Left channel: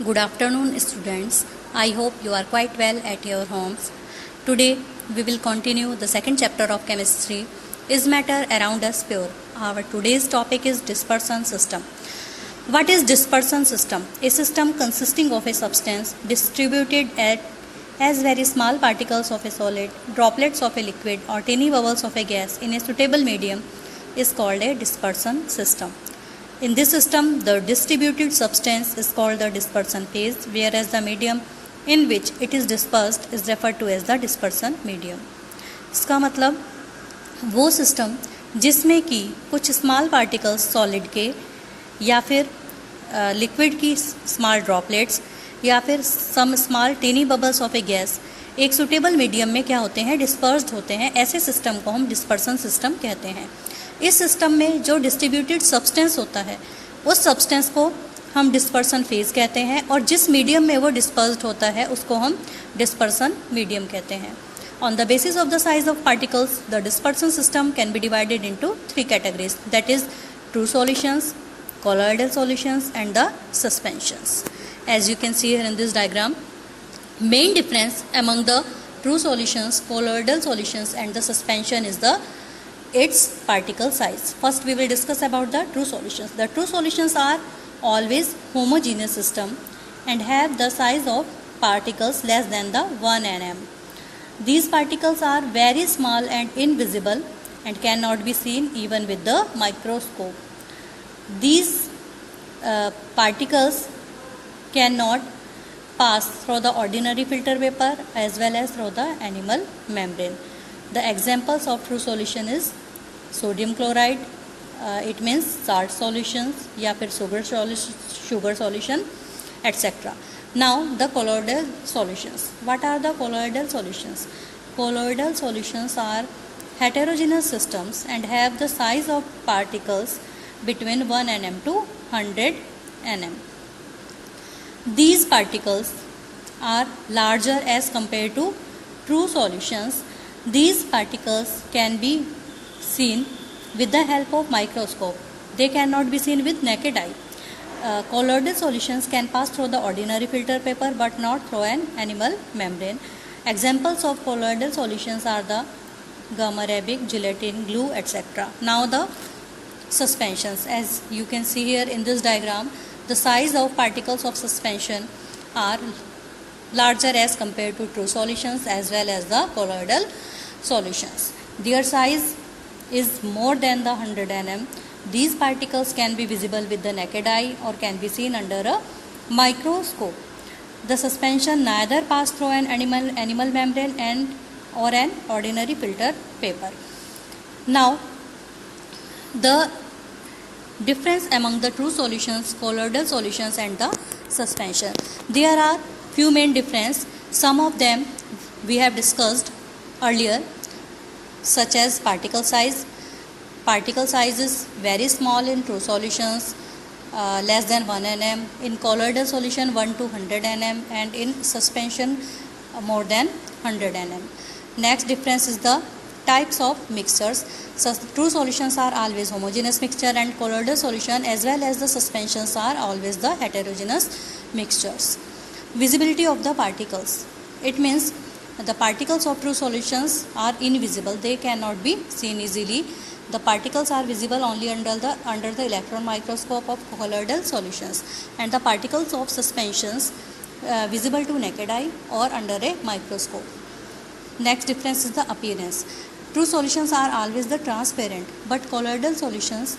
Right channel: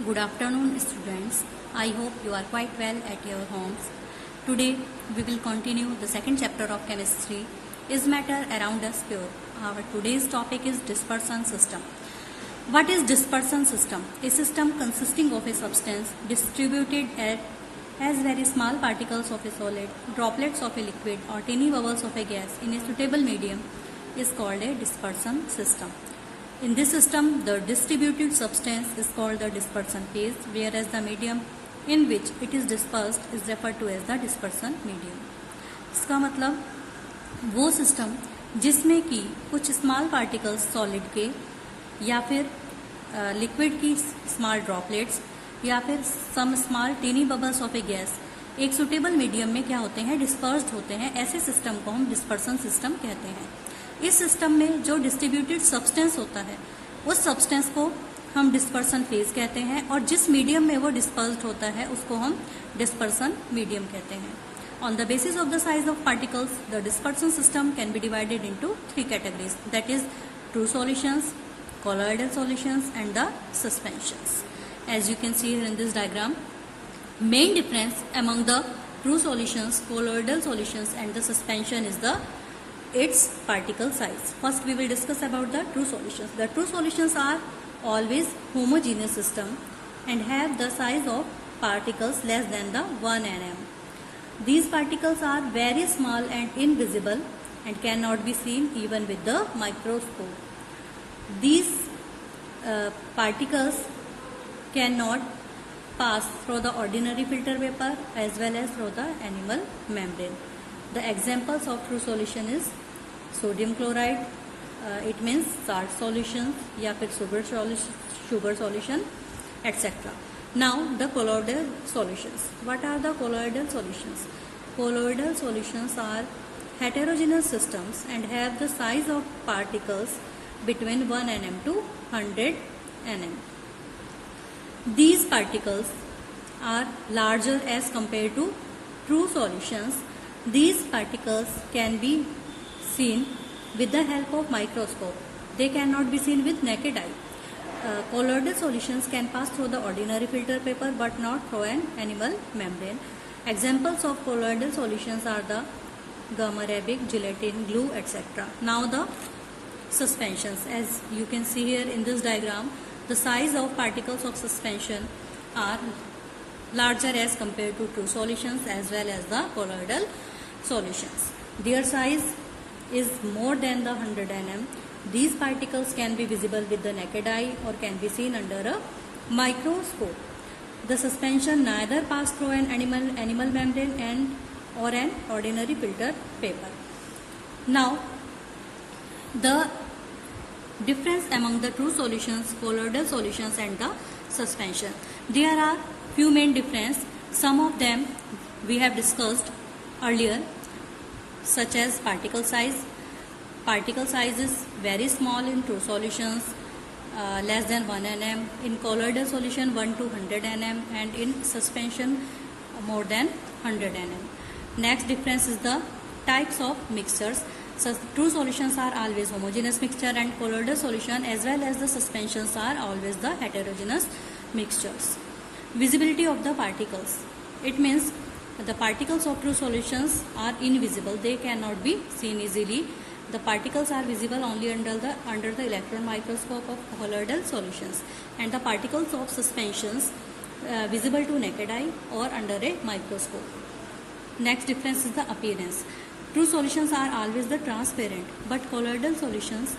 Good afternoon, students. I hope you are quite well at your homes. Today, we will continue the second chapter of chemistry. Is matter around us pure? Our today's topic is dispersion system. What is dispersion system? A system consisting of a substance distributed as very small particles of a solid, droplets of a liquid, or tiny bubbles of a gas in a suitable medium is called a dispersion system. In this system, the distributed substance is called the dispersion phase, whereas the medium in which it is dispersed is referred to as the dispersion medium. इसका मतलब वो system जिसमें कि कुछ small particles solid के या फिर liquid की स्मॉल ड्रॉपलेट्स या फिर some small tiny bubbles of a gas एक सुटेबल मीडियम में क्या होते हैं, डिस्पर्स्ड होते हैं. ऐसे सिस्टम को हम डिस्पर्सन सिस्टम कहते हैं. इस सिस्टम में जो डिस्ट्रीब्यूटेड सब्सटेंस होता है उस सब्सटेंस को हम डिस्पर्सन फेज कहते हैं और जिस मीडियम में वो डिस्पर्स्ड होता है उसको हम डिस्पर्सन मीडियम कहते हैं. On the basis of the size of particles, the dispersion system can be divided into three categories, that is true solutions, colloidal solutions and the suspensions. As you can see here in this diagram, main difference among the true solutions, colloidal solutions and the suspension is its particle size. First we will discuss about the true solutions. The true solutions are always homogeneous system and have the size of particles less than the 1 nm. These particles are very small and invisible and cannot be seen even with the microscope. These particles cannot pass through the ordinary filter paper as well as through the animal membrane. The examples of true solution is sodium chloride, it means salt solutions या फिर sugar solution etc. Now the colloidal solutions. What are the colloidal solutions? Colloidal solutions are heterogeneous systems and have the size of particles between 1 nm to 100 nm. These particles are larger as compared to true solutions. These particles can be seen with the help of microscope. They cannot be seen with naked eye. Colloidal solutions can pass through the ordinary filter paper but not through an animal membrane. Examples of colloidal solutions are the gum arabic, gelatin, glue, etc. Now the suspensions. As you can see here in this diagram, the size of particles of suspension are larger as compared to true solutions as well as the colloidal solutions. Their size is more than the 100 nm. These particles can be visible with the naked eye or can be seen under a microscope. The suspension neither pass through an animal membrane or an ordinary filter paper. Now, the difference among the true solutions, colloidal solutions and the suspension. There are few main difference. Some of them we have discussed earlier, such as particle size. Particle size is very small in true solutions, less than 1 nm, in colloidal solution 1 to 100 nm and in suspension more than 100 nm. Next difference is the types of mixtures. So true solutions are always homogeneous mixture and colloidal solution as well as the suspensions are always the heterogeneous mixtures. Visibility of the particles. It means the particles of true solutions are invisible. They cannot be seen easily. The particles are visible only under the electron microscope of colloidal solutions, and the particles of suspensions visible to naked eye or under a microscope. Next difference is the appearance. True solutions are always the transparent, but colloidal solutions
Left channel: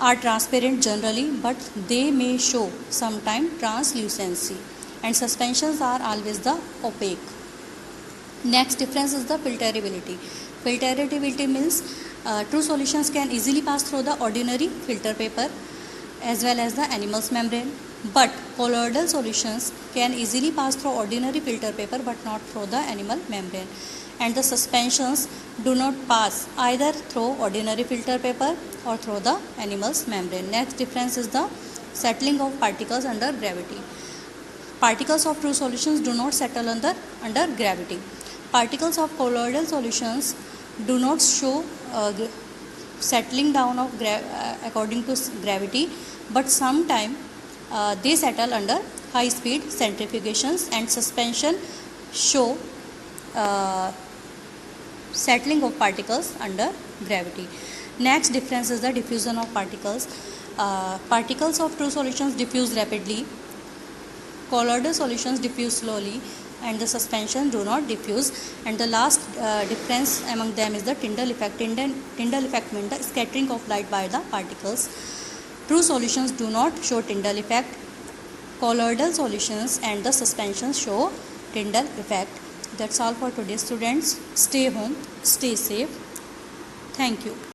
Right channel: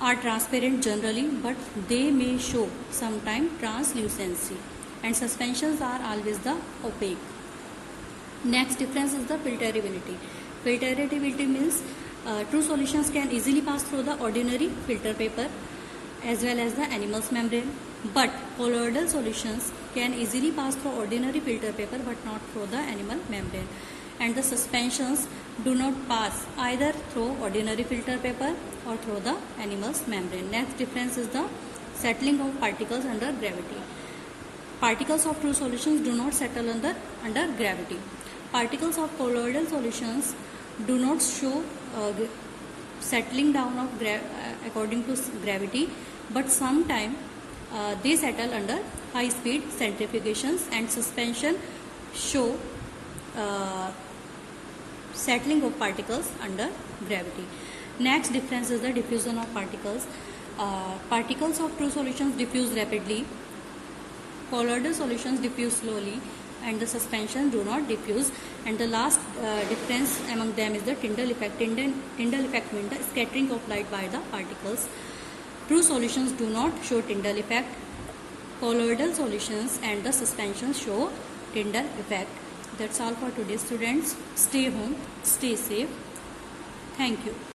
are transparent generally, but they may show sometimes translucency, and suspensions are always the opaque. Next difference is the filterability. Filterability means true solutions can easily pass through the ordinary filter paper as well as the animal's membrane, but colloidal solutions can easily pass through ordinary filter paper but not through the animal membrane, and the suspensions do not pass either through ordinary filter paper or through the animal's membrane. Next difference is the settling of particles under gravity. Particles of true solutions do not settle under gravity. Particles of colloidal solutions do not show settling down of according to gravity, but sometime they settle under high speed centrifugations, and suspension show settling of particles under gravity. Next difference is the diffusion of particles. Particles of true solutions diffuse rapidly, colloidal solutions diffuse slowly, and the suspension do not diffuse. And the last difference among them is the Tyndall effect. Tyndall effect means the scattering of light by the particles. True solutions do not show Tyndall effect. Colloidal solutions and the suspensions show Tyndall effect. That's all for today, students. Stay home, stay safe. Thank you.